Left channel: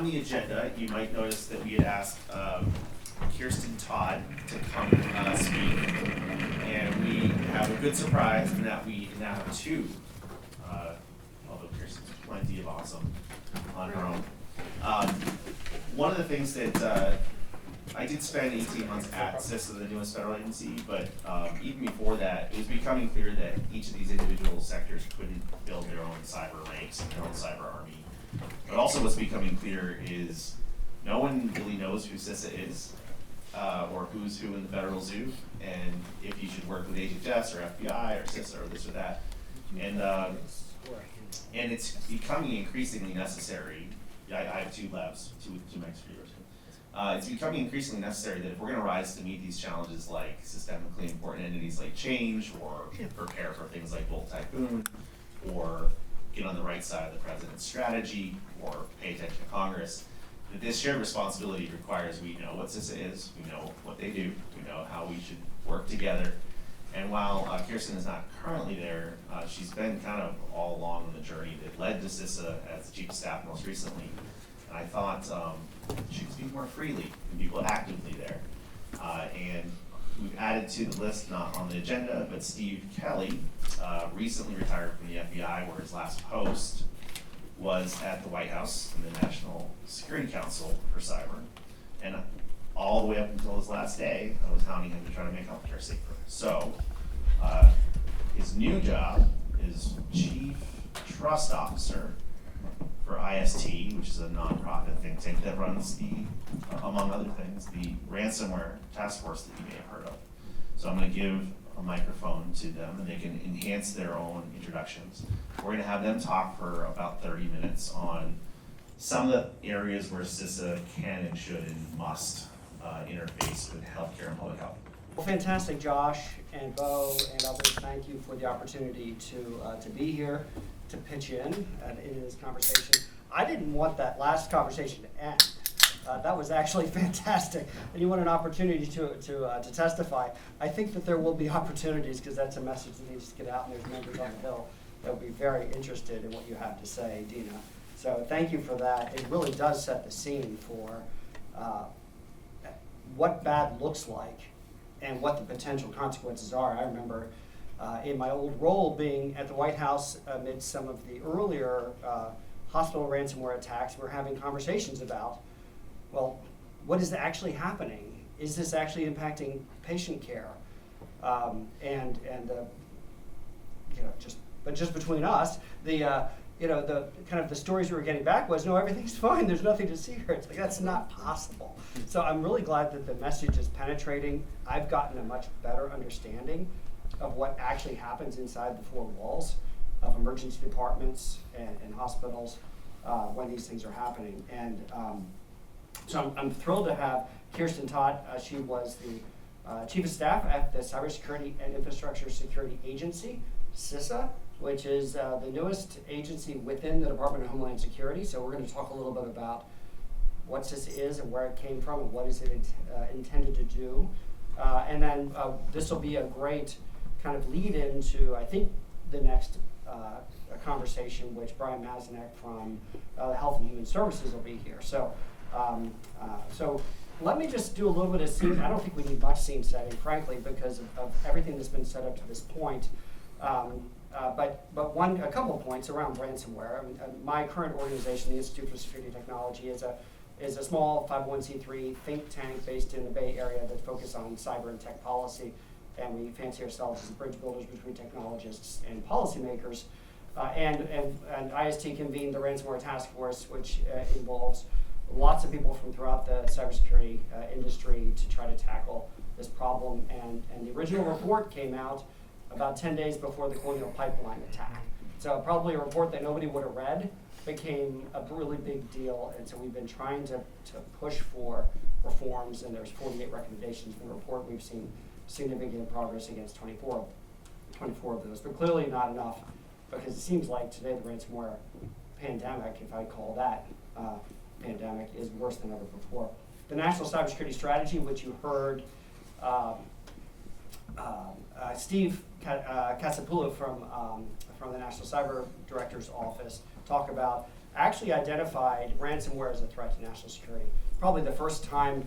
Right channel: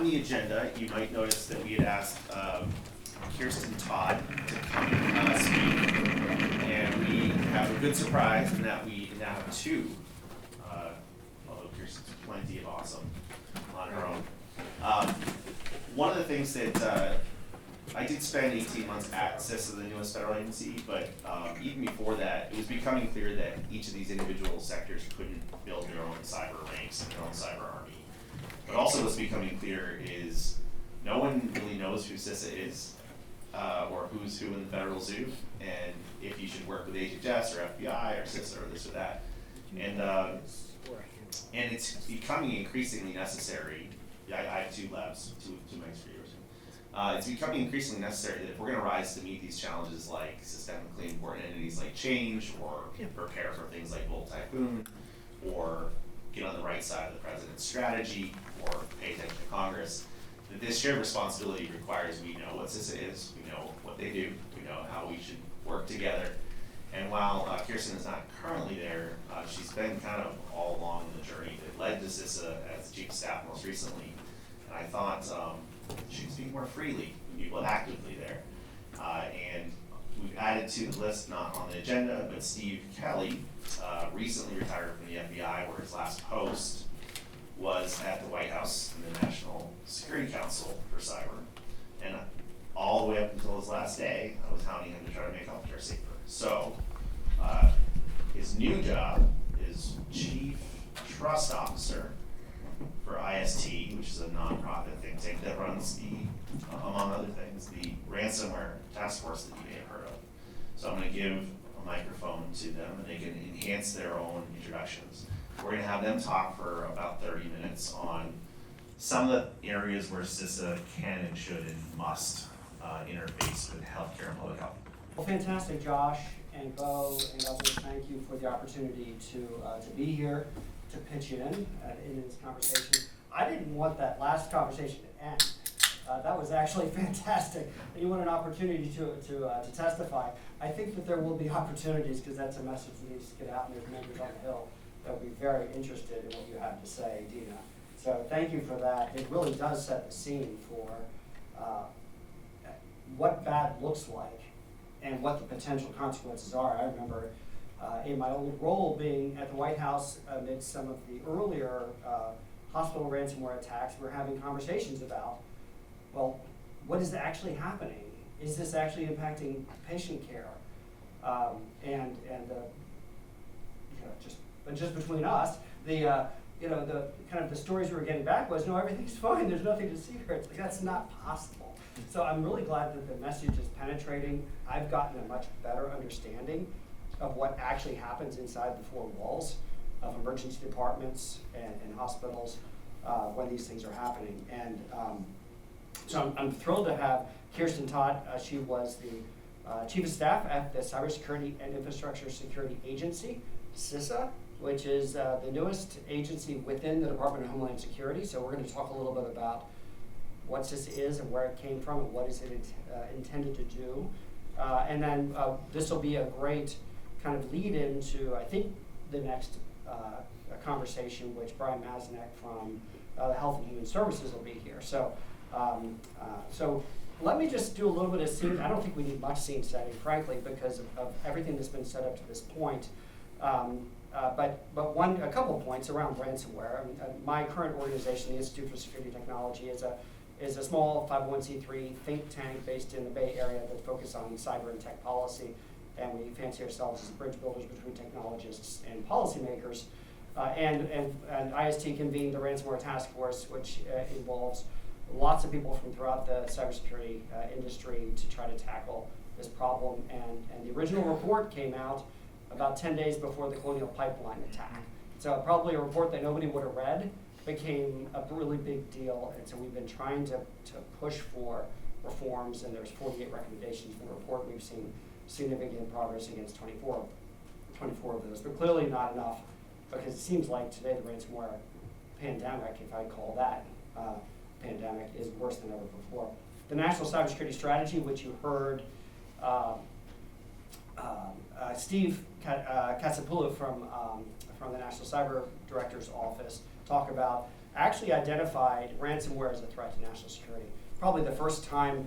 on the agenda, you might notice that we had asked Kiersten Todt to come speak, and we have a good surprise in that we now have two, although Kiersten's plenty of awesome on her own. One of the things that I did spend 18 months at CISA, the newest federal agency, but even before that, it was becoming clear that each of these individual sectors couldn't build their own cyber ranks and their own cyber army. But also what's becoming clear is no one really knows who CISA is, or who's who in the federal zoo, and if you should work with HHS or FBI or CISA or this or that. And it's becoming increasingly necessary. Yeah, I have two labs, two mics for yours. It's becoming increasingly necessary that if we're going to rise to meet these challenges like systemically important entities like change, or prepare for things like Volt Typhoon, or get on the right side of the president's strategy, or pay attention to Congress, that this shared responsibility requires we know what CISA is, we know what they do, we know how we should work together. And while Kiersten is not currently there, she's been kind of all along the journey that led to CISA as chief of staff most recently. And I thought she could speak more freely when people actively there. And we've added to the list, not on the agenda, but Steve Kelly recently retired from the FBI, where his last post was at the White House in the National Security Council for cyber. And all the way up until his last day, I was hounding him to try to make healthcare safer. So his new job is Chief Trust Officer for IST, which is a nonprofit think tank that runs the, among other things, the ransomware task force that you may have heard of. So I'm going to give a microphone to them, and they can enhance their own introductions. We're going to have them talk for about 30 minutes on some of the areas where CISA can and should and must interface with healthcare and public health. Well, fantastic, Josh and Bo and others. Thank you for the opportunity to be here, to pitch in this conversation. I didn't want that last conversation to end. That was actually fantastic. And you want an opportunity to testify. I think that there will be opportunities, because that's a message that needs to get out, and there's members on the Hill that will be very interested in what you have to say, Dina. So thank you for that. It really does set the scene for what bad looks like and what the potential consequences are. I remember in my old role being at the White House amid some of the earlier hospital ransomware attacks, we're having conversations about, well, what is actually happening? Is this actually impacting patient care? Just between us, the kind of the stories we were getting back was, no, everything's fine. There's nothing to see here. It's like, that's not possible. So I'm really glad that the message is penetrating. I've gotten a much better understanding of what actually happens inside the four walls of emergency departments and hospitals when these things are happening. And so I'm thrilled to have Kiersten Todt. She was the Chief of Staff at the Cybersecurity and Infrastructure Security Agency, CISA, which is the newest agency within the Department of Homeland Security. So we're going to talk a little bit about what CISA is and where it came from and what is it intended to do. And then this will be a great kind of lead into, I think, the next conversation, which Brian Mazinek from Health and Human Services will be here. So, so let me just do a little bit of scene. I don't think we need much scene setting, frankly, because of everything that's been set up to this point. But a couple of points around ransomware. I mean, my current organization, the Institute for Security Technology, is a small 501c3 think tank based in the Bay Area that focuses on cyber and tech policy, and we fancy ourselves as bridge builders between technologists and policymakers. And IST convened the ransomware task force, which involves lots of people from throughout the cybersecurity industry to try to tackle this problem. And the original report came out about 10 days before the Colonial Pipeline attack. So probably a report that nobody would have read became a really big deal. And so we've been trying to push for reforms, and there's 48 recommendations in the report. We've seen significant progress against 24 of those, but clearly not enough, because it seems like today the ransomware pandemic, if I call that pandemic, is worse than ever before. The National Cybersecurity Strategy, which you heard Steve Katsapoulou from the National Cyber Director's Office talk about, actually identified ransomware as a threat to national security. Probably the first time,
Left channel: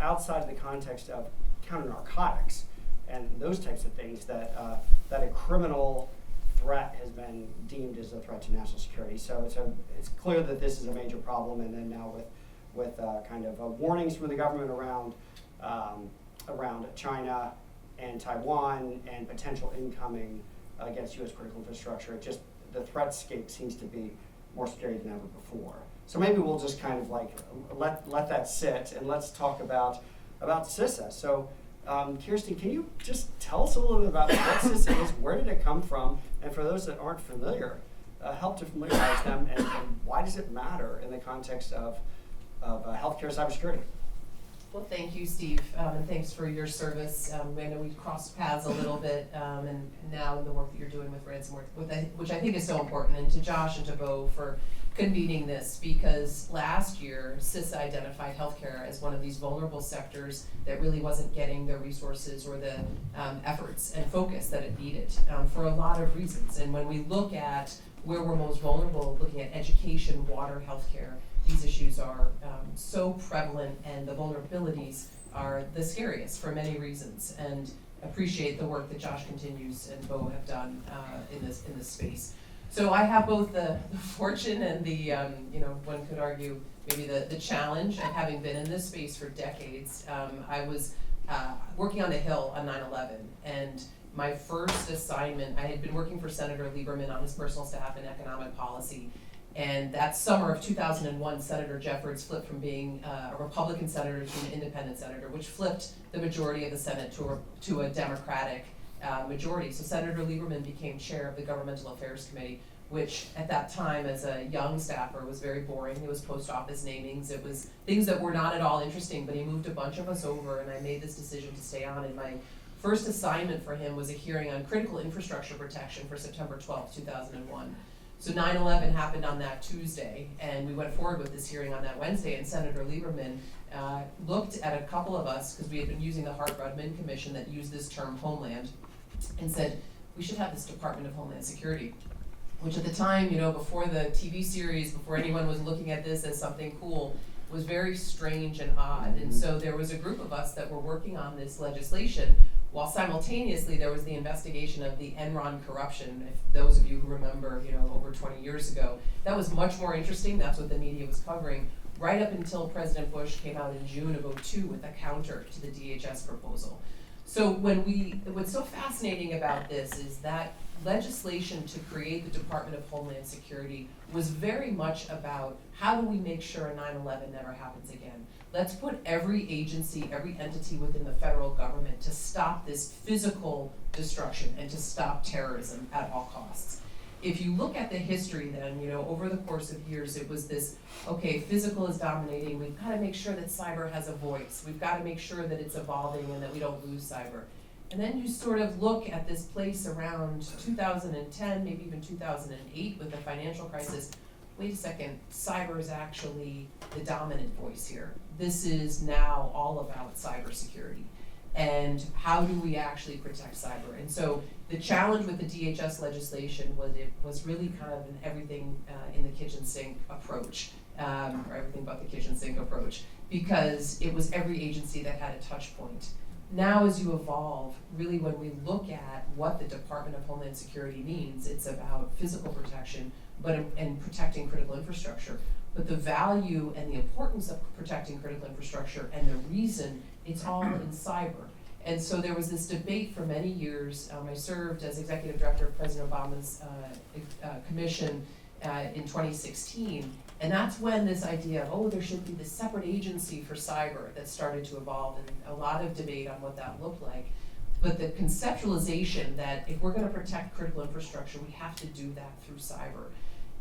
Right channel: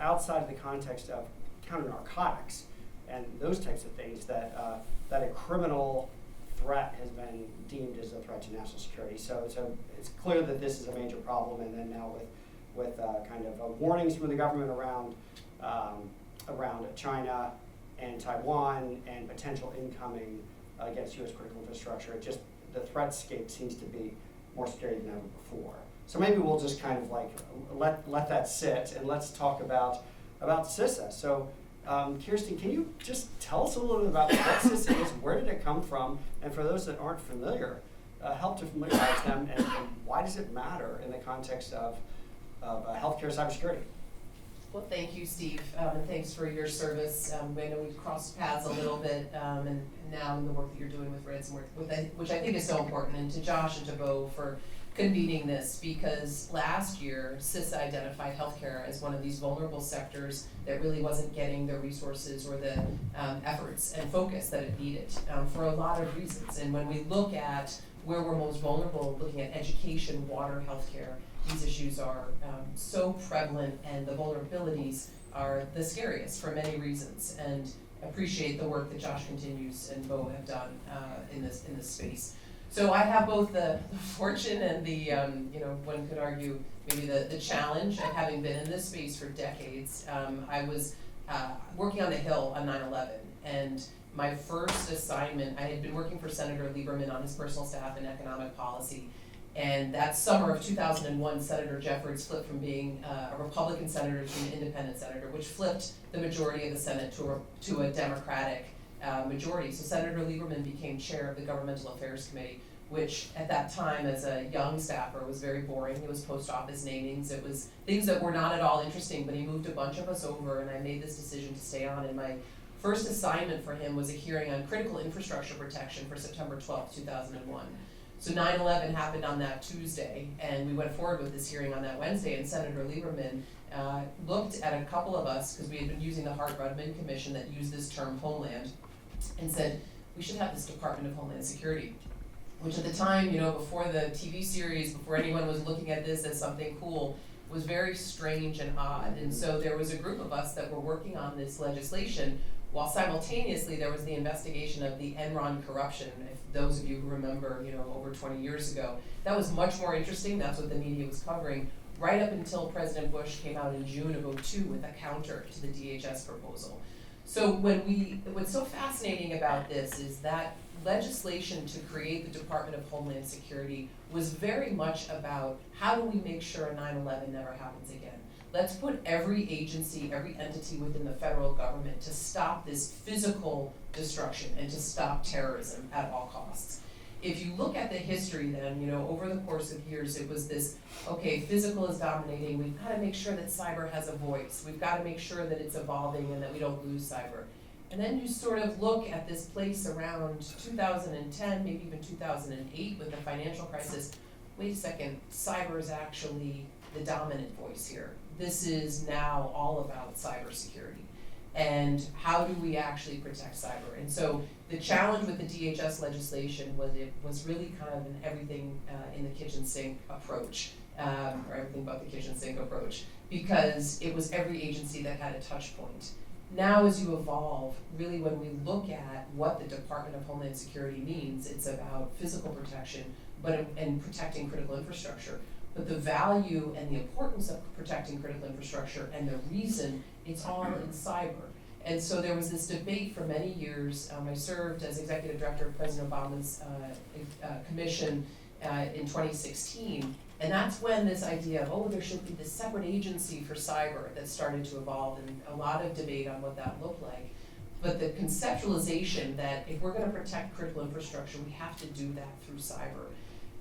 outside of the context of counter narcotics and those types of things, that that a criminal threat has been deemed as a threat to national security. So it's clear that this is a major problem, and then now with kind of warnings from the government around China and Taiwan and potential incoming against U.S. critical infrastructure, the threatscape seems to be more scary than ever before. So maybe we'll just kind of like let that sit, and let's talk about CISA. So Kiersten, can you just tell us a little bit about what CISA is, where did it come from, and for those that aren't familiar, help to familiarize them, and why does it matter in the context of healthcare cybersecurity? Well, thank you, Steve, and thanks for your service. I know we've crossed paths a little bit, and now in the work that you're doing with ransomware, which I think is so important, and to Josh and to Bo for convening this, because last year CISA identified healthcare as one of these vulnerable sectors that really wasn't getting the resources or the efforts and focus that it needed for a lot of reasons. And when we look at where we're most vulnerable, looking at education, water, healthcare, these issues are so prevalent, and the vulnerabilities are the scariest for many reasons. And appreciate the work that Josh continues and Bo have done in this space. So I have both the fortune and the one could argue maybe the challenge of having been in this space for decades. I was working on the Hill on 9/11, and my first assignment, I had been working for Senator Lieberman on his personal staff in economic policy. And that summer of 2001, Senator Jeffords flipped from being a Republican senator to an independent senator, which flipped the majority of the Senate to a Democratic majority. So Senator Lieberman became chair of the Governmental Affairs Committee, which at that time as a young staffer was very boring. It was post office namings. It was things that were not at all interesting, but he moved a bunch of us over, and I made this decision to stay on. And my first assignment for him was a hearing on critical infrastructure protection for September 12th, 2001. So 9/11 happened on that Tuesday, and we went forward with this hearing on that Wednesday, and Senator Lieberman looked at a couple of us, because we had been using the Hart-Rudman Commission that used this term homeland, and said, we should have this Department of Homeland Security, which at the time, before the TV series, before anyone was looking at this as something cool, was very strange and odd. And so there was a group of us that were working on this legislation, while simultaneously there was the investigation of the Enron corruption. If those of you who remember, over 20 years ago, that was much more interesting. That's what the media was covering, right up until President Bush came out in June of 2002 with a counter to the DHS proposal. So what's so fascinating about this is that legislation to create the Department of Homeland Security was very much about how do we make sure a 9/11 never happens again. Let's put every agency, every entity within the federal government to stop this physical destruction and to stop terrorism at all costs. If you look at the history then, over the course of years, it was this, okay, physical is dominating, we've got to make sure that cyber has a voice, we've got to make sure that it's evolving and that we don't lose cyber. And then you sort of look at this place around 2010, maybe even 2008 with the financial crisis. Wait a second, cyber is actually the dominant voice here. This is now all about cybersecurity. And how do we actually protect cyber? And so the challenge with the DHS legislation was it was really kind of an everything in the kitchen sink approach, or everything but the kitchen sink approach, because it was every agency that had a touch point. Now as you evolve, really when we look at what the Department of Homeland Security means, it's about physical protection and protecting critical infrastructure. But the value and the importance of protecting critical infrastructure and the reason it's all in cyber. And so there was this debate for many years. I served as executive director of President Obama's commission in 2016. And that's when this idea of, there should be this separate agency for cyber that started to evolve, and a lot of debate on what that looked like. But the conceptualization that if we're going to protect critical infrastructure, we have to do that through cyber.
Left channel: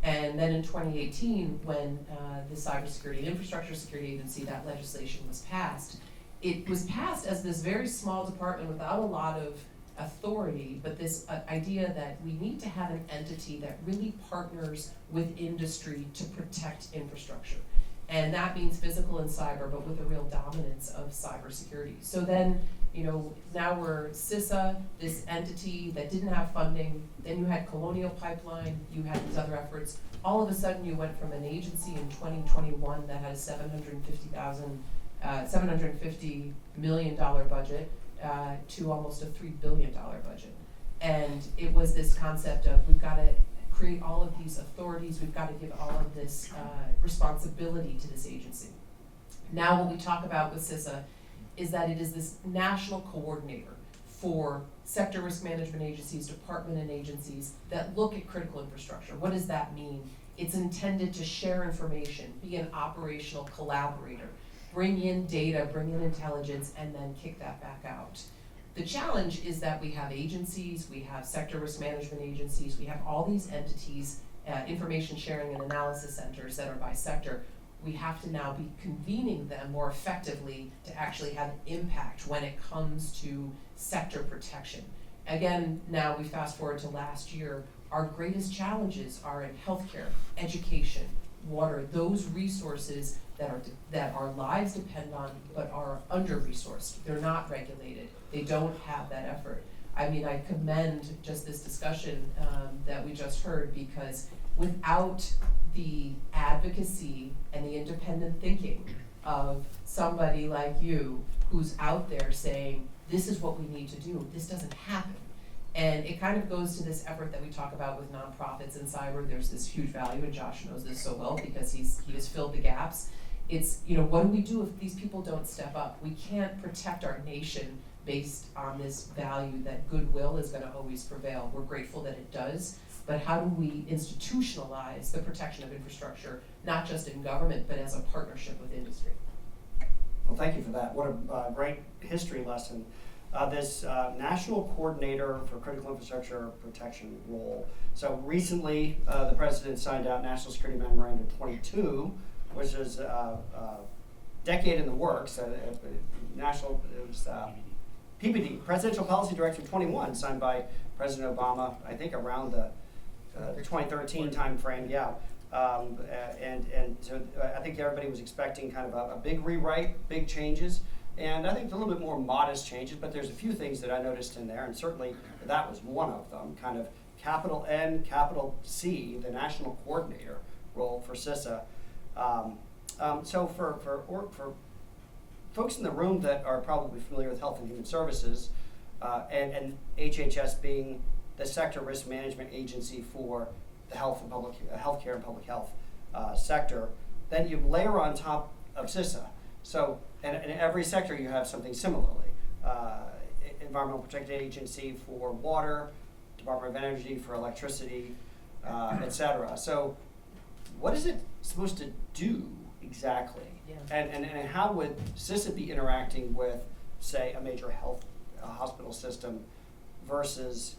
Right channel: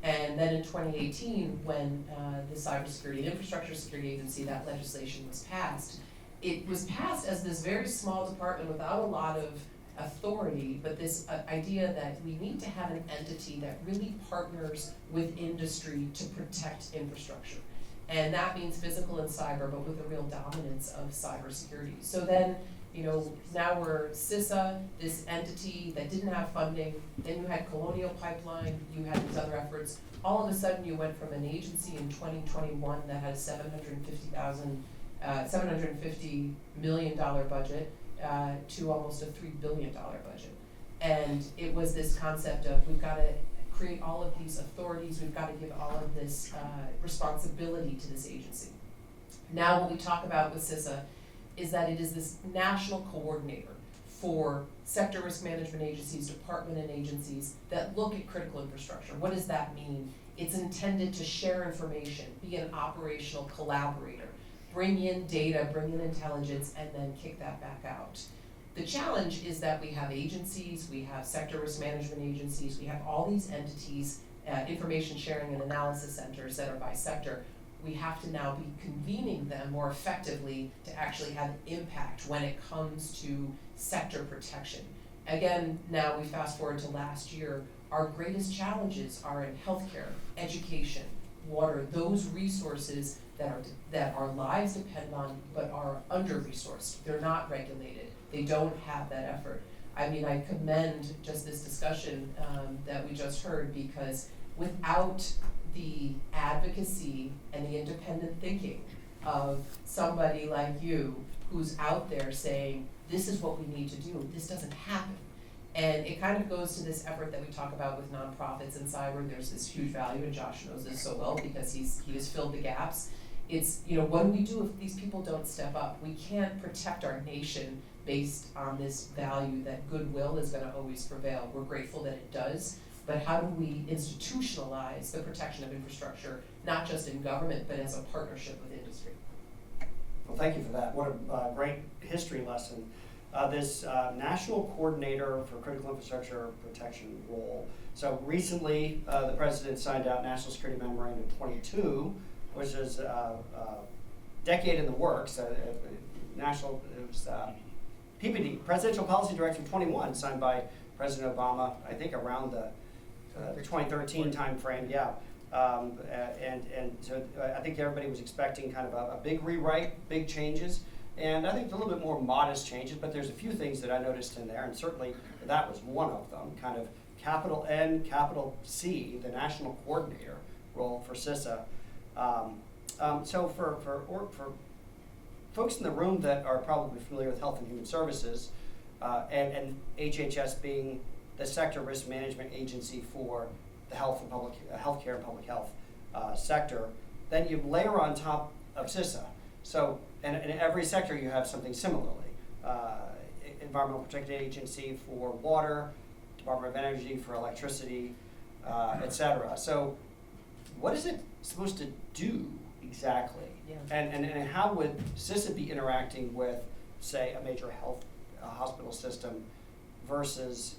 And then in 2018, when the Cybersecurity and Infrastructure Security Agency, that legislation was passed, it was passed as this very small department without a lot of authority, but this idea that we need to have an entity that really partners with industry to protect infrastructure. And that means physical and cyber, but with a real dominance of cybersecurity. So then now we're CISA, this entity that didn't have funding, then you had Colonial Pipeline, you had these other efforts. All of a sudden you went from an agency in 2021 that had a $750 million budget to almost a $3 billion budget. And it was this concept of we've got to create all of these authorities, we've got to give all of this responsibility to this agency. Now what we talk about with CISA is that it is this national coordinator for sector risk management agencies, department and agencies that look at critical infrastructure. What does that mean? It's intended to share information, be an operational collaborator, bring in data, bring in intelligence, and then kick that back out. The challenge is that we have agencies, we have sector risk management agencies, we have all these entities, information sharing and analysis centers that are by sector. We have to now be convening them more effectively to actually have impact when it comes to sector protection. Again, now we fast forward to last year, our greatest challenges are in healthcare, education, water, those resources that our lives depend on but are under-resourced. They're not regulated. They don't have that effort. I mean, I commend just this discussion that we just heard, because without the advocacy and the independent thinking of somebody like you who's out there saying, this is what we need to do, this doesn't happen. And it kind of goes to this effort that we talk about with nonprofits in cyber. There's this huge value, and Josh knows this so well because he has filled the gaps. It's, what do we do if these people don't step up? We can't protect our nation based on this value that goodwill is going to always prevail. We're grateful that it does, but how do we institutionalize the protection of infrastructure, not just in government, but as a partnership with industry? Well, thank you for that. What a great history lesson. This National Coordinator for Critical Infrastructure Protection role. So recently, the President signed out National Security Memorandum 22, which is a decade in the works. It was PPD, Presidential Policy Directive 21, signed by President Obama, I think around the 2013 timeframe, yeah. And so I think everybody was expecting kind of a big rewrite, big changes. And I think it's a little bit more modest changes, but there's a few things that I noticed in there, and certainly that was one of them, kind of capital N, capital C, the National Coordinator role for CISA. So for folks in the room that are probably familiar with Health and Human Services, and HHS being the sector risk management agency for the healthcare and public health sector, then you layer on top of CISA. So, and in every sector you have something similarly. Environmental Protection Agency for water, Department of Energy for electricity, et cetera. So what is it supposed to do exactly? Yeah. And how would CISA be interacting with, say, a major health hospital system versus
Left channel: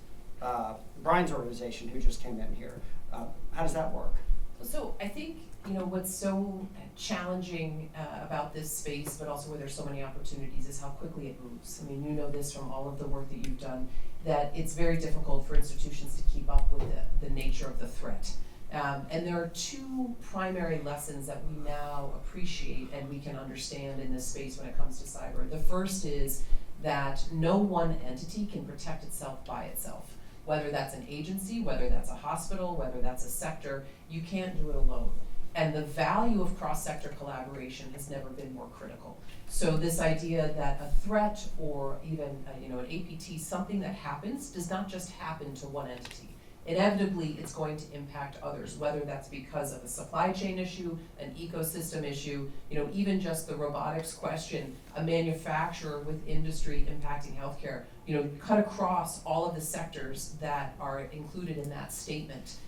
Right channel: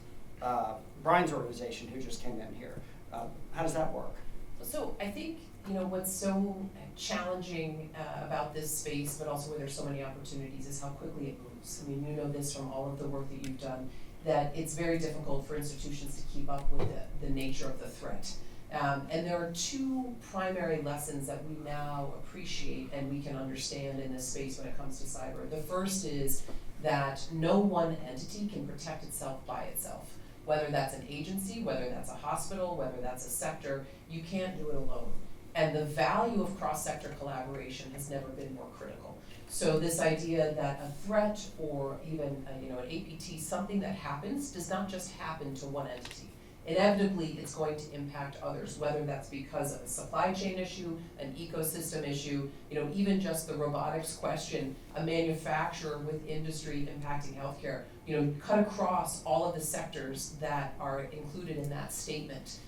Brian's organization who just came in here? How does that work? So I think, what's so challenging about this space, but also where there's so many opportunities, is how quickly it moves. I mean, you know this from all of the work that you've done, that it's very difficult for institutions to keep up with the nature of the threat. And there are two primary lessons that we now appreciate and we can understand in this space when it comes to cyber. The first is that no one entity can protect itself by itself. Whether that's an agency, whether that's a hospital, whether that's a sector, you can't do it alone. And the value of cross-sector collaboration has never been more critical. So this idea that a threat or even an APT, something that happens, does not just happen to one entity. Inevitably, it's going to impact others, whether that's because of a supply chain issue, an ecosystem issue, even just the robotics question, a manufacturer with industry impacting healthcare, cut across all of the sectors that are included in that statement.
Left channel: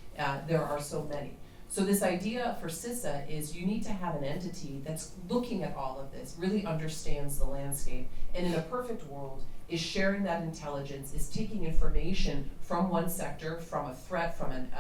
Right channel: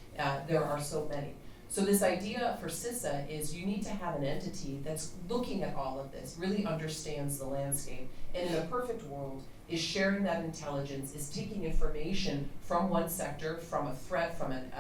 There are so many. So this idea for CISA is you need to have an entity that's looking at all of this, really understands the landscape, and in a perfect world is sharing that intelligence, is taking information from one sector, from a threat, from an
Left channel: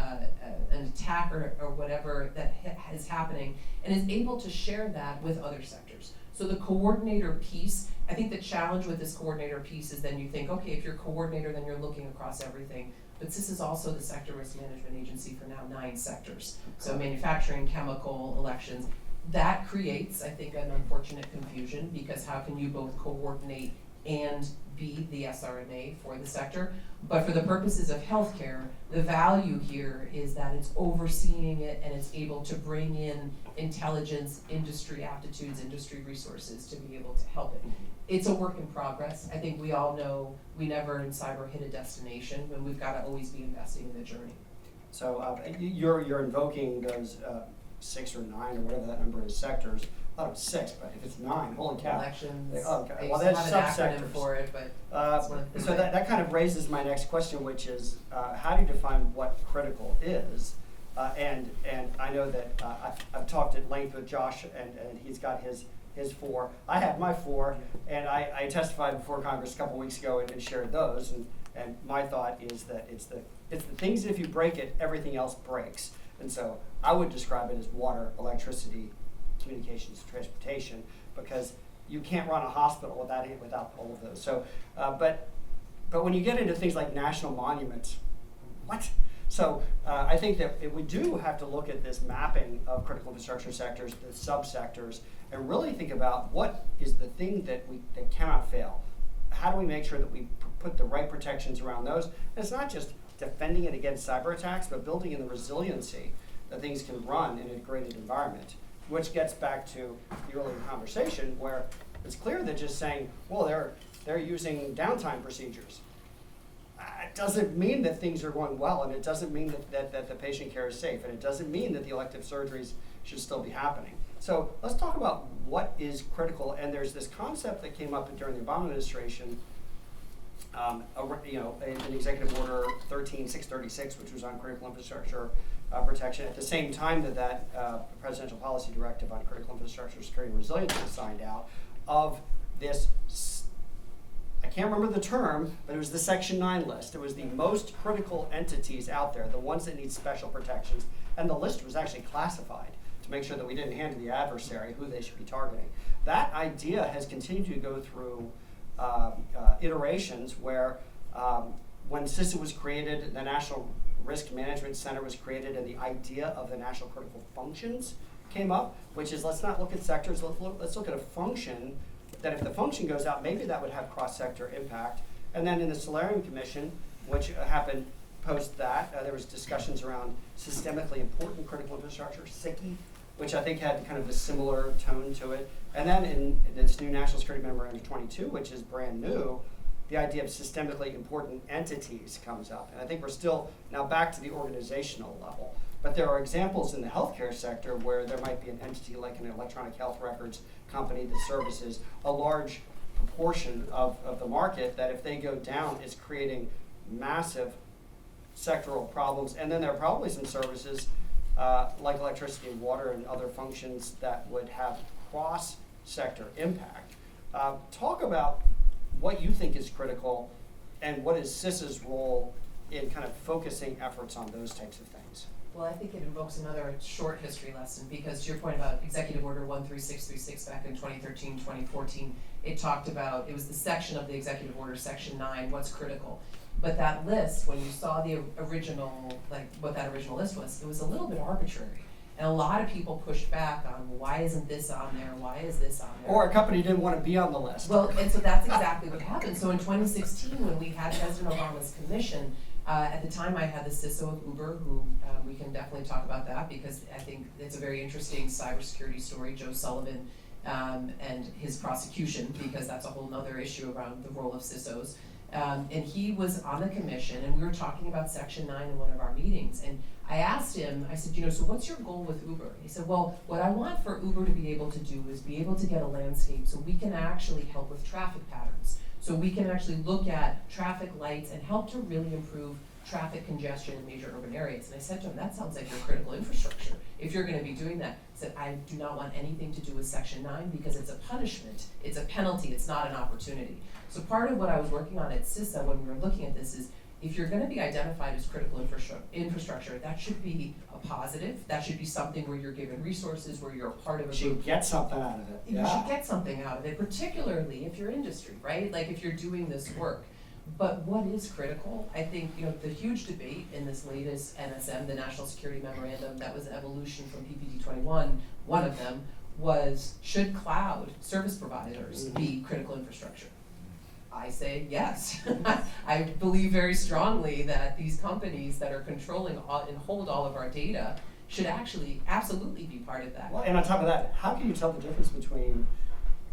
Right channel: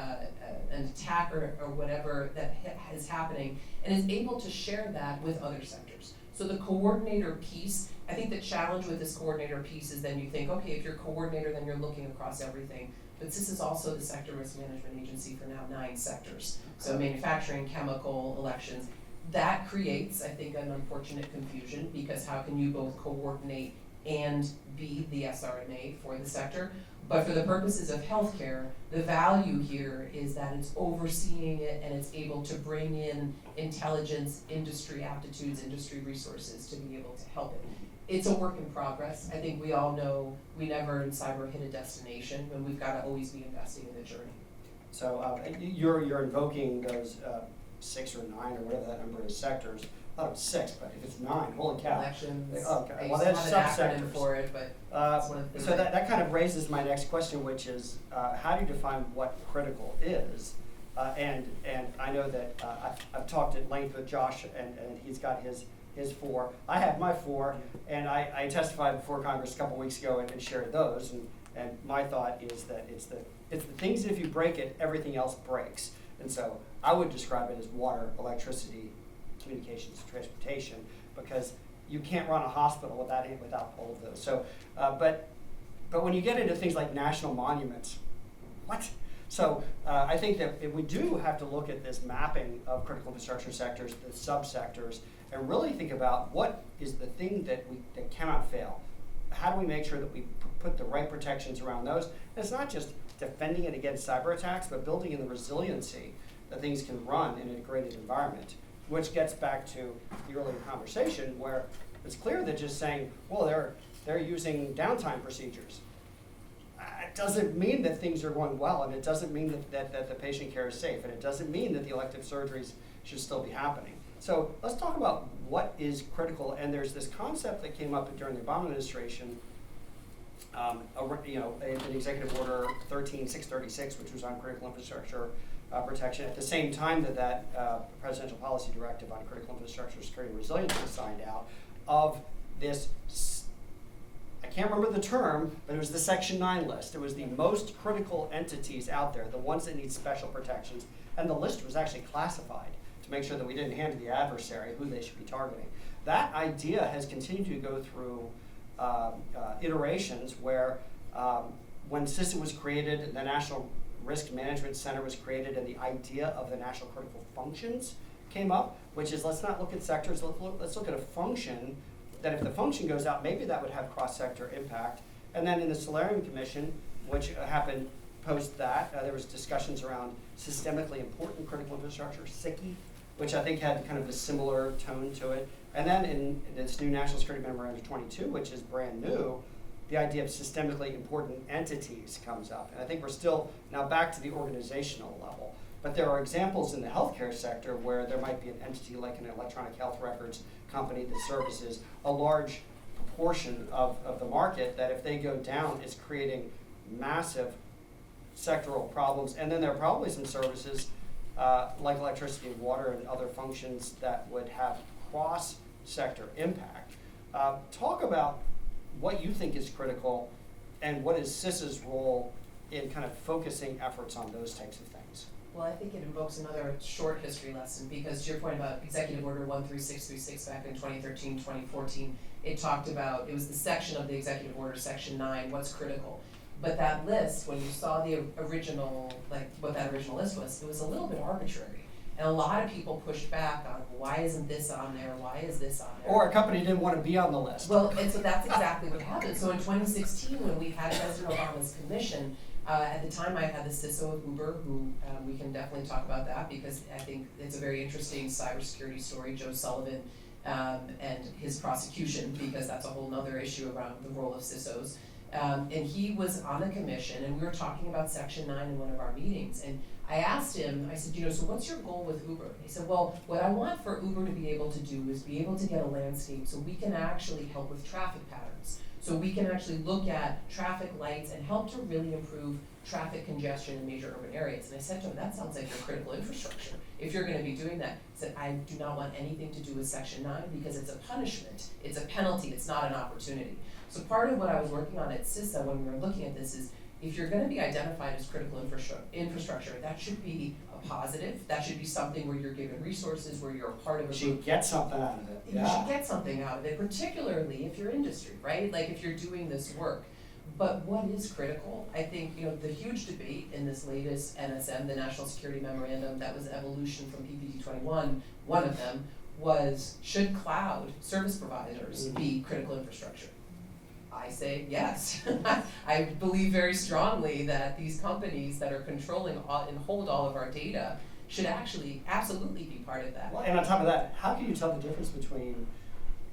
attack or whatever that is happening, and is able to share that with other sectors. So the coordinator piece, I think the challenge with this coordinator piece is then you think, okay, if you're a coordinator, then you're looking across everything. But CISA is also the sector risk management agency for now 9 sectors. So manufacturing, chemical, elections. That creates, I think, an unfortunate confusion, because how can you both coordinate and be the SRMA for the sector. But for the purposes of healthcare, the value here is that it's overseeing it and it's able to bring in intelligence, industry aptitudes, industry resources to be able to help it. It's a work in progress. I think we all know we never in cyber hit a destination, and we've got to always be investing in the journey. So you're invoking those 6 or 9 or whatever that number is sectors. I thought it was 6, but if it's 9, holy cow. Elections. Okay. I Well, used to that's have an acronym subsectors. for it, but it's one of the So that kind of raises my next question, which is how do you define what critical is? And I know that I've talked at length with Josh, and he's got his 4. I have my 4, and I testified before Congress a couple weeks ago and shared those. And my thought is that it's the things that if you break it, everything else breaks. And so I would describe it as water, electricity, communications, transportation, because you can't run a hospital without all of those. So, but when you get into things like national monuments, what? So I think that we do have to look at this mapping of critical infrastructure sectors, the subsectors, and really think about what is the thing that cannot fail. How do we make sure that we put the right protections around those? And it's not just defending it against cyber attacks, but building in the resiliency that things can run in an integrated environment, which gets back to the earlier conversation where it's clear that just saying, well, they're using downtime procedures. It doesn't mean that things are going well, and it doesn't mean that the patient care is safe, and it doesn't mean that the elective surgeries should still be happening. So let's talk about what is critical, and there's this concept that came up during the Obama administration, in Executive Order 13636, which was on critical infrastructure protection, at the same time that Presidential Policy Directive on Critical Infrastructure Security and Resilience was signed out, of this, I can't remember the term, but it was the Section 9 list. It was the most critical entities out there, the ones that need special protections, and the list was actually classified to make sure that we didn't hand to the adversary who they should be targeting. That idea has continued to go through iterations where when CISA was created, the National Risk Management Center was created, and the idea of the national critical functions came up, which is let's not look at sectors, let's look at a function that if the function goes out, maybe that would have cross-sector impact. And then in the Solarium Commission, which happened post that, there was discussions around systemically important critical infrastructure, SICI, which I think had kind of a similar tone to it. And then in this new National Security Memorandum 22, which is brand new, the idea of systemically important entities comes up. And I think we're still now back to the organizational level. But there are examples in the healthcare sector where there might be an entity like an electronic health records company that services a large proportion of the market that if they go down, it's creating massive sectoral problems. And then there are probably some services like electricity and water and other functions that would have cross-sector impact. Talk about what you think is critical and what is CISA's role in kind of focusing efforts on those types of things. Well, I think it invokes another short history lesson, because to your point about Executive Order 13636 back in 2013, 2014, it talked about, it was the section of the Executive Order, Section 9, what's critical. But that list, when you saw the original, like what that original list was, it was a little bit arbitrary. And a lot of people pushed back on, why isn't this on there? Why is this on there? Or a company didn't want to be on the list. Well, and so that's exactly what happened. So in 2016, when we had President Obama's commission, at the time I had the CISA of Uber, who we can definitely talk about that because I think it's a very interesting cybersecurity story, Joe Sullivan and his prosecution, because that's a whole nother issue around the role of CISOs. And he was on the commission, and we were talking about Section 9 in one of our meetings. And I asked him, I said, so what's your goal with Uber? He said, well, what I want for Uber to be able to do is be able to get a landscape so we can actually help with traffic patterns. So we can actually look at traffic lights and help to really improve traffic congestion in major urban areas. And I said to him, that sounds like your critical infrastructure. If you're gonna be doing that, he said, I do not want anything to do with Section 9 because it's a punishment, it's a penalty, it's not an opportunity. So part of what I was working on at CISA when we were looking at this is, if you're gonna be identified as critical infrastructure, that should be a positive, that should be something where you're given resources, where you're a part of a group. You should get something out of it. You should get something out of it, particularly if you're industry, right? Like if you're doing this work. But what is critical? I think, the huge debate in this latest NSM, the National Security Memorandum, that was an evolution from PPD 21, one of them was, should cloud service providers be critical infrastructure? I say yes. I believe very strongly that these companies that are controlling and hold all of our data should actually absolutely be part of that. Well, and on top of that, how can you tell the difference between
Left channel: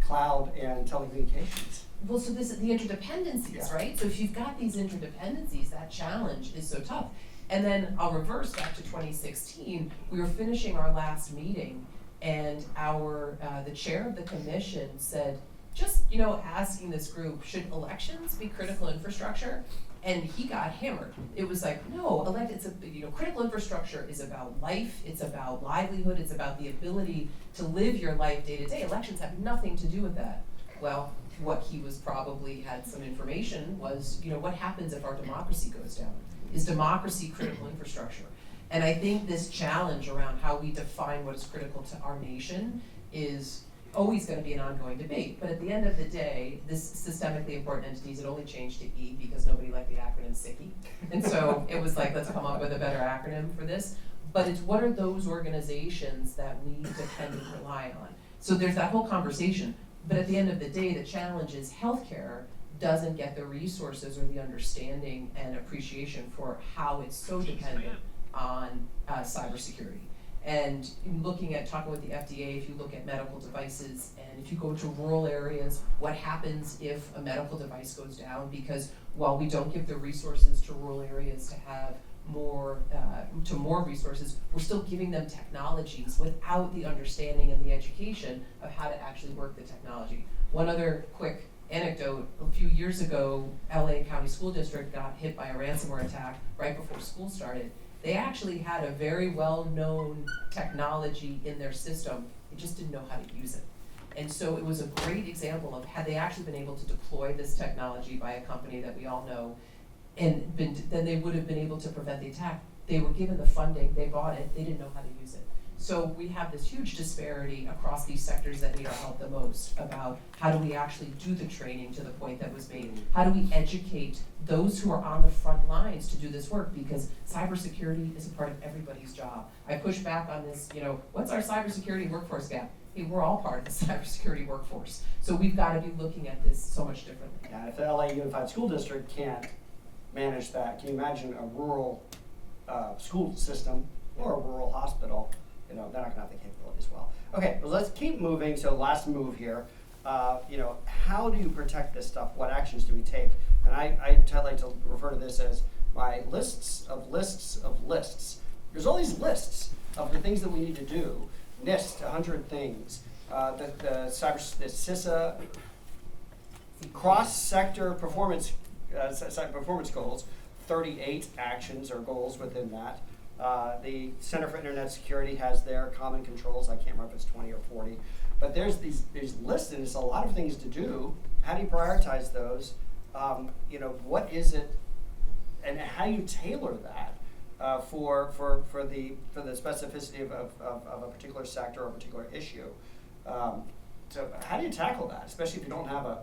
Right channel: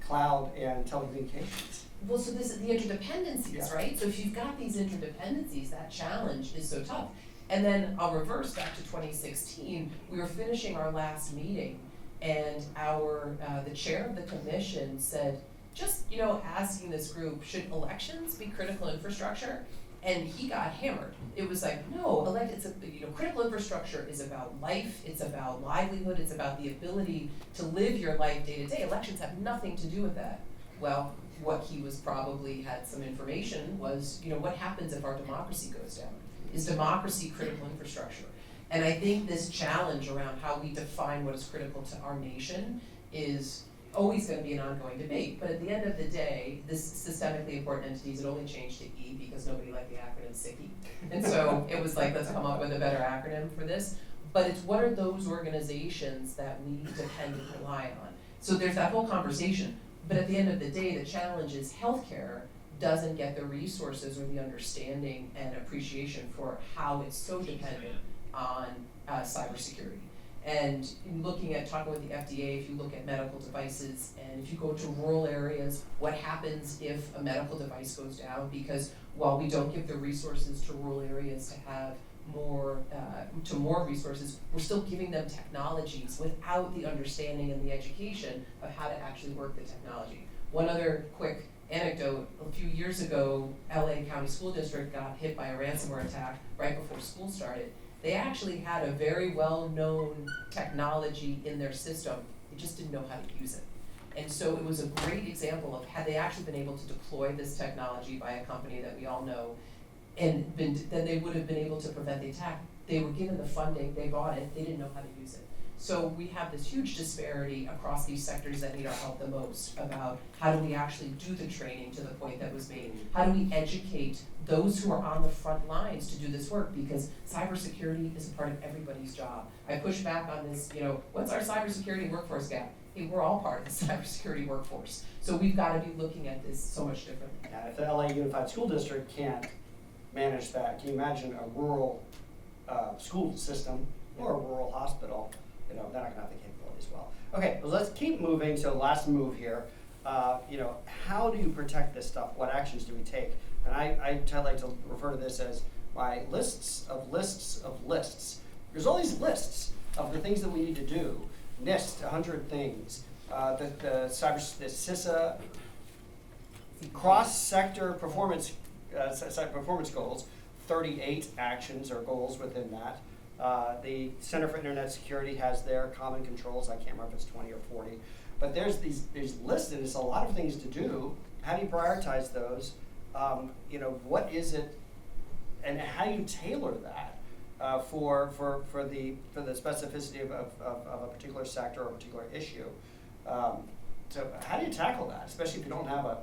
cloud and telecommunications? Well, so this is the interdependencies, Yeah. right? So if you've got these interdependencies, that challenge is so tough. And then I'll reverse back to 2016. We were finishing our last meeting, and the chair of the commission said, just asking this group, should elections be critical infrastructure? And he got hammered. It was like, no, critical infrastructure is about life, it's about livelihood, it's about the ability to live your life day to day. Elections have nothing to do with that. Well, what he was probably had some information was, what happens if our democracy goes down? Is democracy critical infrastructure? And I think this challenge around how we define what is critical to our nation is always going to be an ongoing debate. But at the end of the day, this systemically important entities, it only changed to E because nobody liked the acronym SICKY. And so it was like, let's come up with a better acronym for this. But it's what are those organizations that we depend and rely on? So there's that whole conversation. But at the end of the day, the challenge is healthcare doesn't get the resources or the understanding and appreciation for how it's so dependent on cybersecurity. And in talking with the FDA, if you look at medical devices, and if you go to rural areas, what happens if a medical device goes down? Because while we don't give the resources to rural areas to have more resources, we're still giving them technologies without the understanding and the education of how to actually work the technology. One other quick anecdote, a few years ago, LA County School District got hit by a ransomware attack right before school started. They actually had a very well-known technology in their system, they just didn't know how to use it. And so it was a great example of had they actually been able to deploy this technology by a company that we all know, and then they would have been able to prevent the attack. They were given the funding, they bought it, they didn't know how to use it. So we have this huge disparity across these sectors that need our help the most about how do we actually do the training to the point that was made? How do we educate those who are on the front lines to do this work? Because cybersecurity is a part of everybody's job. I push back on this, what's our cybersecurity workforce gap? Hey, we're all part of the cybersecurity workforce. So we've got to be looking at this so much differently. Yeah, if the LA Unified School District can't manage that, can you imagine a rural school system or a rural hospital? They're not going to have the capabilities well. Okay, well, let's keep moving. So last move here. How do you protect this stuff? What actions do we take? And I like to refer to this as my lists of lists of lists. There's all these lists of the things that we need to do. NIST, 100 things. The CISA cross-sector performance goals, 38 actions or goals within that. The Center for Internet Security has their common controls. I can't remember if it's 20 or 40. But there's lists, and it's a lot of things to do. How do you prioritize those? What is it, and how do you tailor that for the specificity of a particular sector or a particular issue? So how do you tackle that, especially if you don't have a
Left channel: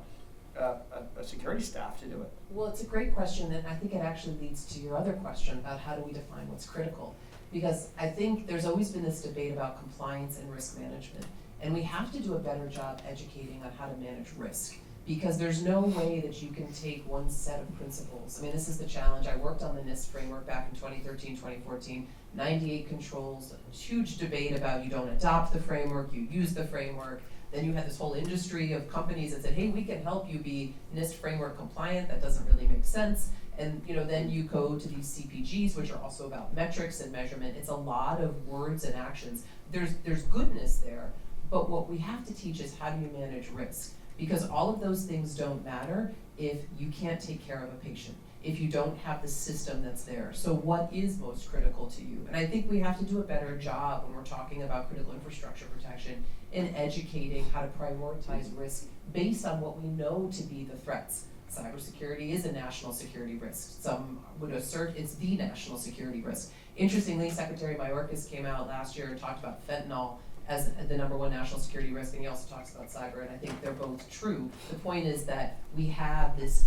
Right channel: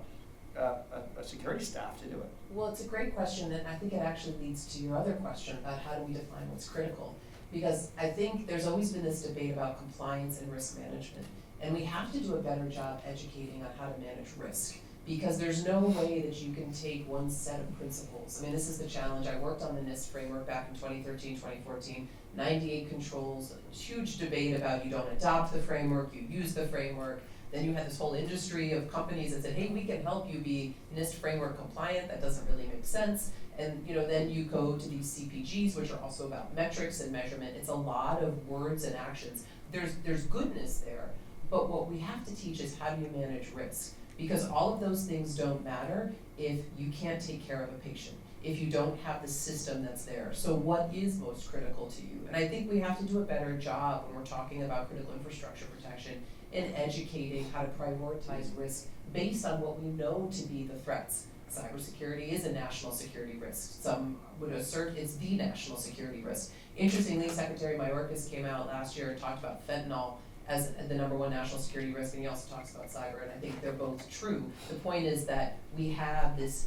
security staff to do it? Well, it's a great question, and I think it actually leads to your other question about how do we define what's critical. Because I think there's always been this debate about compliance and risk management, and we have to do a better job educating on how to manage risk. Because there's no way that you can take one set of principles. I mean, this is the challenge. I worked on the NIST framework back in 2013, 2014, 98 controls, a huge debate about you don't adopt the framework, you use the framework. Then you had this whole industry of companies that said, hey, we can help you be NIST framework compliant. That doesn't really make sense. And then you go to these CPGs, which are also about metrics and measurement. It's a lot of words and actions. There's goodness there, but what we have to teach is how do you manage risk? Because all of those things don't matter if you can't take care of a patient, if you don't have the system that's there. So what is most critical to you? And I think we have to do a better job when we're talking about critical infrastructure protection in educating how to prioritize risk based on what we know to be the threats. Cybersecurity is a national security risk. Some would assert it's the national security risk. Interestingly, Secretary Mayorkas came out last year and talked about fentanyl as the #1 national security risk, and he also talks about cyber, and I think they're both true. The point is that we have this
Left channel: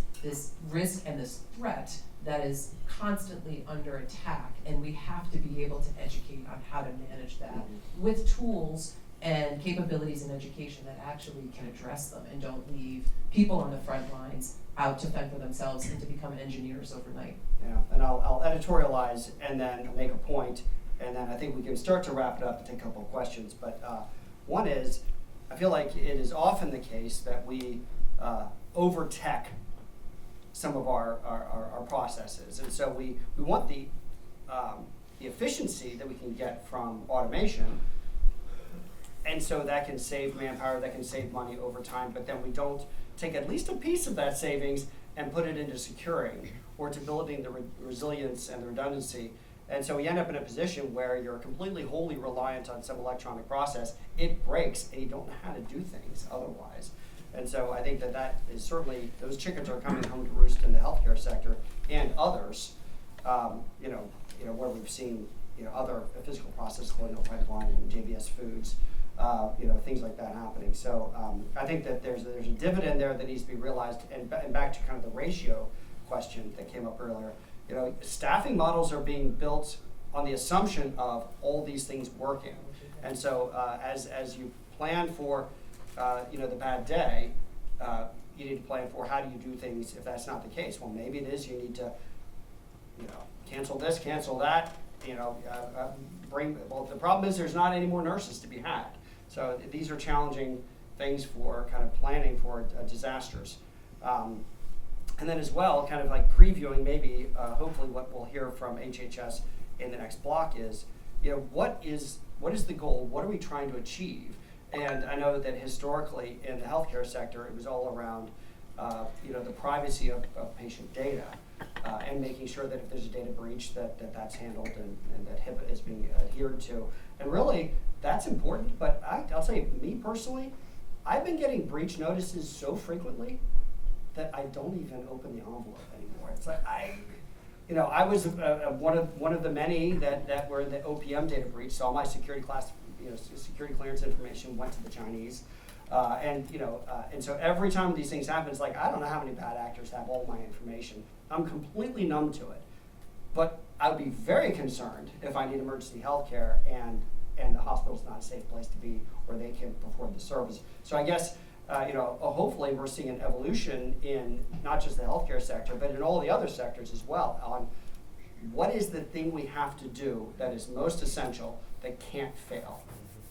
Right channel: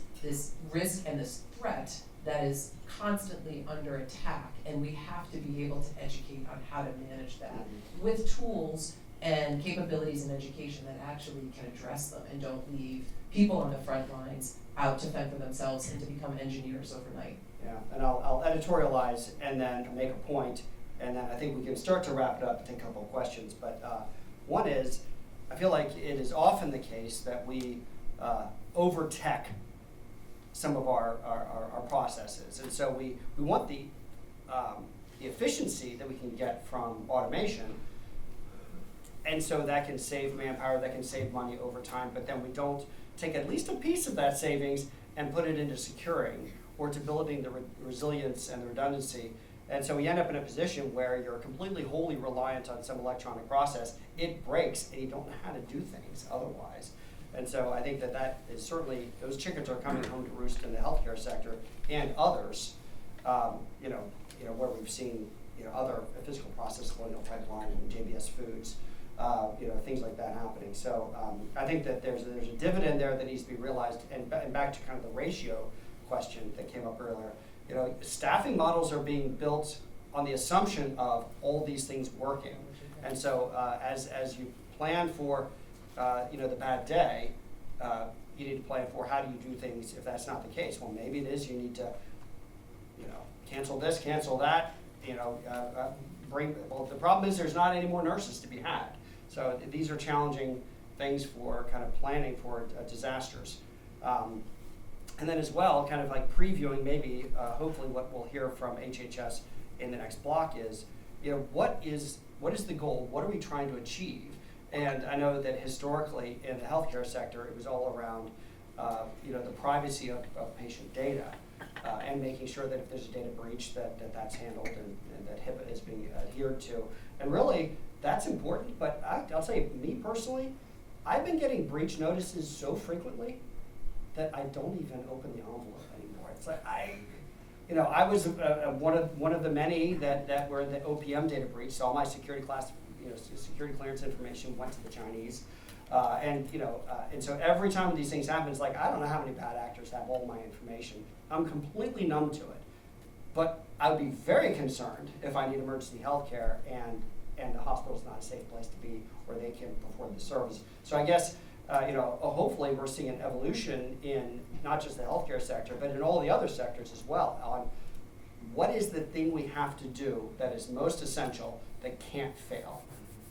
risk and this threat that is constantly under attack, and we have to be able to educate on how to manage that with tools and capabilities in education that actually can address them and don't leave people on the front lines out to fend for themselves and to become engineers overnight. Yeah, and I'll editorialize and then make a point, and then I think we can start to wrap it up and take a couple of questions. But one is, I feel like it is often the case that we over-tech some of our processes. And so we want the efficiency that we can get from automation, and so that can save manpower, that can save money over time, but then we don't take at least a piece of that savings and put it into securing or to building the resilience and the redundancy. And so we end up in a position where you're completely wholly reliant on some electronic process. It breaks and you don't know how to do things otherwise. And so I think that is certainly, those chickens are coming home to roost in the healthcare sector and others, where we've seen other physical process colonial pipeline and JBS Foods, things like that happening. So I think that there's a dividend there that needs to be realized. And back to kind of the ratio question that came up earlier, staffing models are being built on the assumption of all these things working. And so as you plan for the bad day, you need to plan for how do you do things if that's not the case. Well, maybe it is you need to cancel this, cancel that, the problem is there's not any more nurses to be had. So these are challenging things for kind of planning for disasters. And then as well, kind of like previewing maybe, hopefully what we'll hear from HHS in the next block is, what is the goal? What are we trying to achieve? And I know that historically in the healthcare sector, it was all around, the privacy of patient data and making sure that if there's a data breach that's handled and that HIPAA is being adhered to. And really, that's important, but I'll tell you, me personally, I've been getting breach notices so frequently that I don't even open the envelope anymore. It's like I was one of the many that were in the OPM data breach. So all my security clearance information went to the Chinese, and so every time these things happen, it's like I don't know how many bad actors have all my information. I'm completely numb to it, but I would be very concerned if I need emergency health care and the hospital's not a safe place to be, or they can't afford the service. So I guess. Hopefully we're seeing an evolution in not just the healthcare sector, but in all the other sectors as well, on what is the thing we have to do that is most essential that can't fail.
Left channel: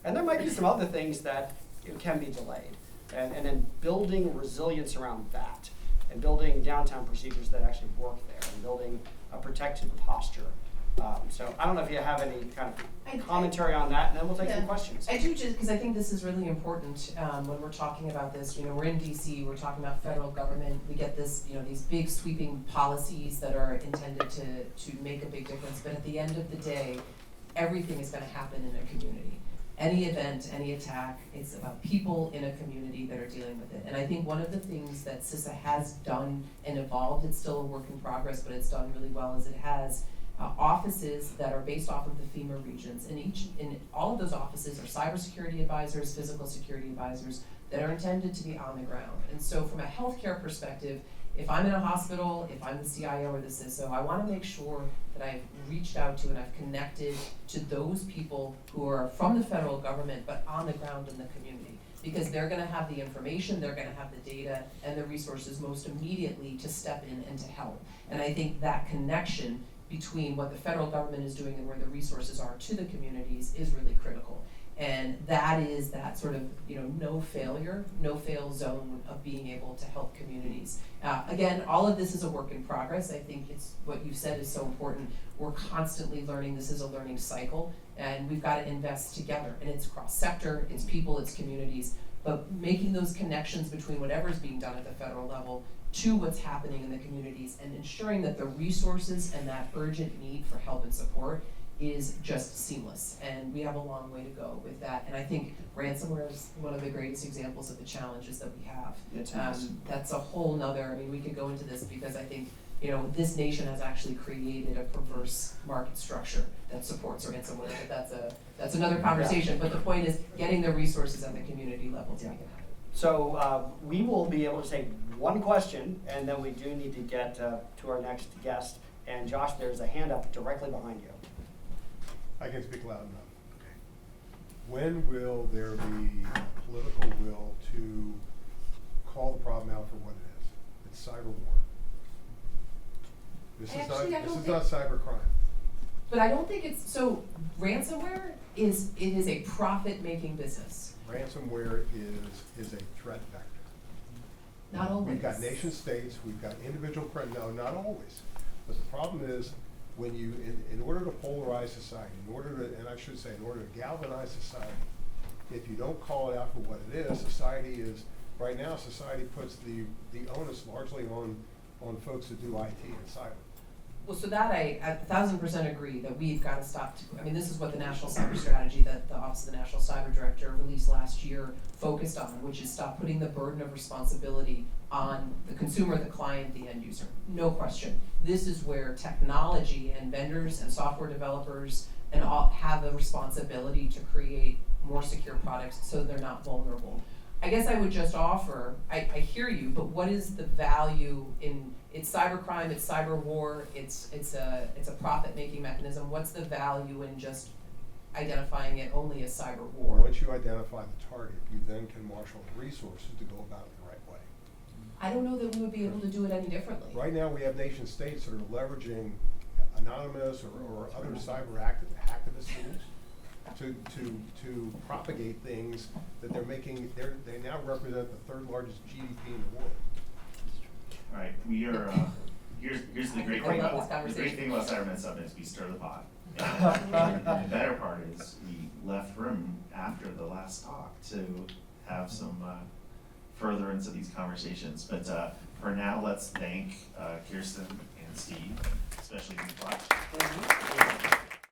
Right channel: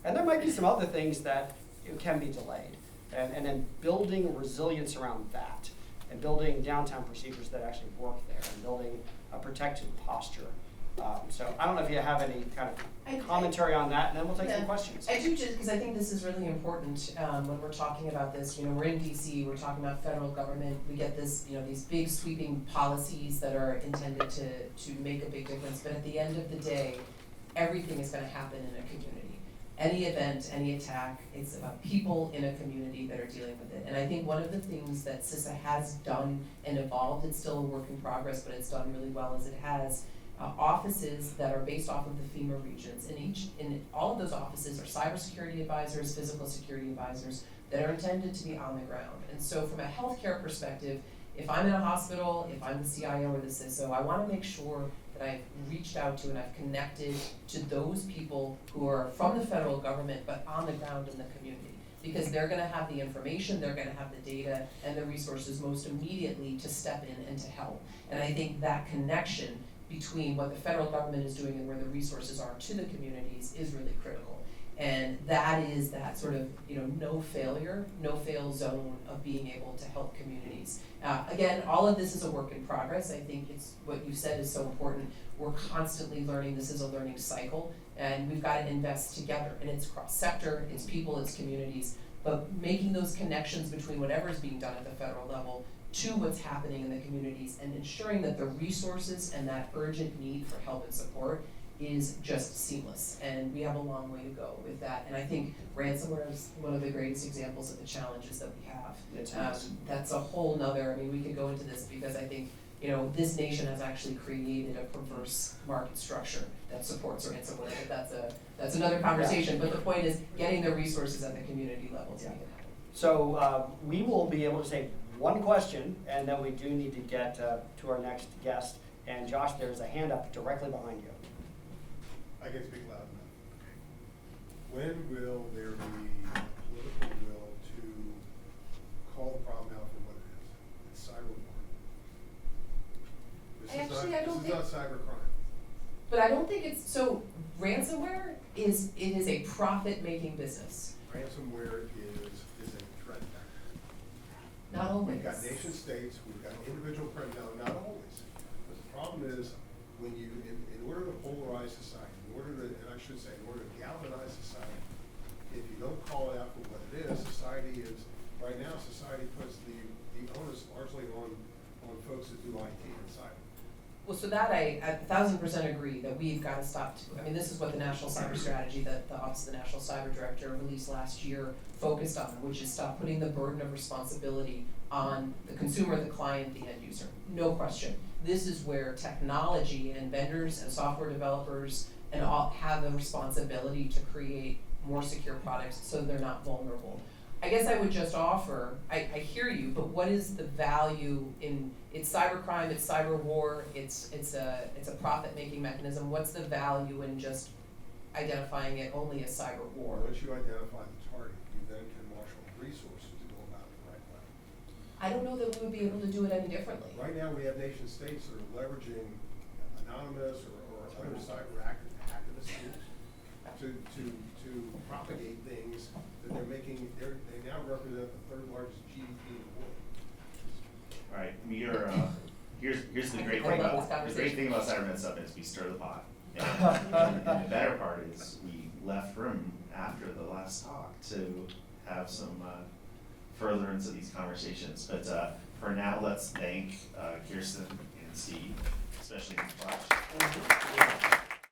And there might be some other things that can be delayed. And then building resilience around that, and building downtime procedures that actually work there, and building a protected posture. So I don't know if you have any kind of commentary on that, and then we'll take some questions. I do, just because I think this is really important when we're talking about this. We're in DC, we're talking about federal government. We get this, these big sweeping policies that are intended to make a big difference. But at the end of the day, everything is going to happen in a community. Any event, any attack, it's about people in a community that are dealing with it. And I think one of the things that CISA has done and evolved, it's still a work in progress, but it's done really well, as it has offices that are based off of the FEMA regions. In all of those offices are cybersecurity advisors, physical security advisors that are intended to be on the ground. And so from a healthcare perspective, if I'm in a hospital, if I'm the CIO or the CISO, I want to make sure that I've reached out to and I've connected to those people who are from the federal government but on the ground in the community. Because they're going to have the information, they're going to have the data and the resources most immediately to step in and to help. And I think that connection between what the federal government is doing and where the resources are to the communities is really critical. And that is that sort of, no fail zone of being able to help communities. Again, all of this is a work in progress. I think it's what you said is so important. We're constantly learning. This is a learning cycle, and we've got to invest together. And it's cross-sector, it's people, it's communities, but making those connections between whatever is being done at the federal level to what's happening in the communities, and ensuring that the resources and that urgent need for help and support is just seamless. And we have a long way to go with that. And I think ransomware is one of the greatest examples of the challenges that we have. That's a whole nother, we could go into this because I think, this nation has actually created a perverse market structure that supports ransomware, but that's another conversation. Yeah. But the point is getting the resources at the community level to make it happen. So we will be able to take one question, and then we do need to get to our next guest. And Josh, there's a hand up directly behind you. I can speak loud enough. when will there be political will to call the problem out for what it is? It's cyber war. This Actually, I don't is not cyber crime. But I don't think it's, so ransomware is a profit-making business. Ransomware is a threat vector. Not always. We've got nation states, we've got individual, no, not always. But the problem is, when you, in order to polarize society, in order to, and I should say, in order to galvanize society, if you don't call it out for what it is, society is, right now, society puts the onus largely on folks that do IT and cyber. Well, so that I 1,000% agree that we've got to stop. I mean, this is what the National Cyber Strategy that the Office of the National Cyber Director released last year focused on, which is stop putting the burden of responsibility on the consumer, the client, the end user. No question. This is where technology and vendors and software developers and all have the responsibility to create more secure products so they're not vulnerable. I guess I would just offer, I hear you, but what is the value in, it's cybercrime, it's cyber war, it's a profit-making mechanism. What's the value in just identifying it only as cyber war? Once you identify the target, you then can marshal the resources to go about it the right way. I don't know that we would be able to do it any differently. Right now, we have nation states that are leveraging anonymous or other cyber activist tools to propagate things that they're making. They now represent the third largest GDP in the world. All right, we are, here's the great I thing love about, this the great thing conversation. about CyberMed Summit is we stir the pot. And the better part is we left room after the last talk to have some furtherance of these conversations. But for now, let's thank Kiersten and Steve, especially these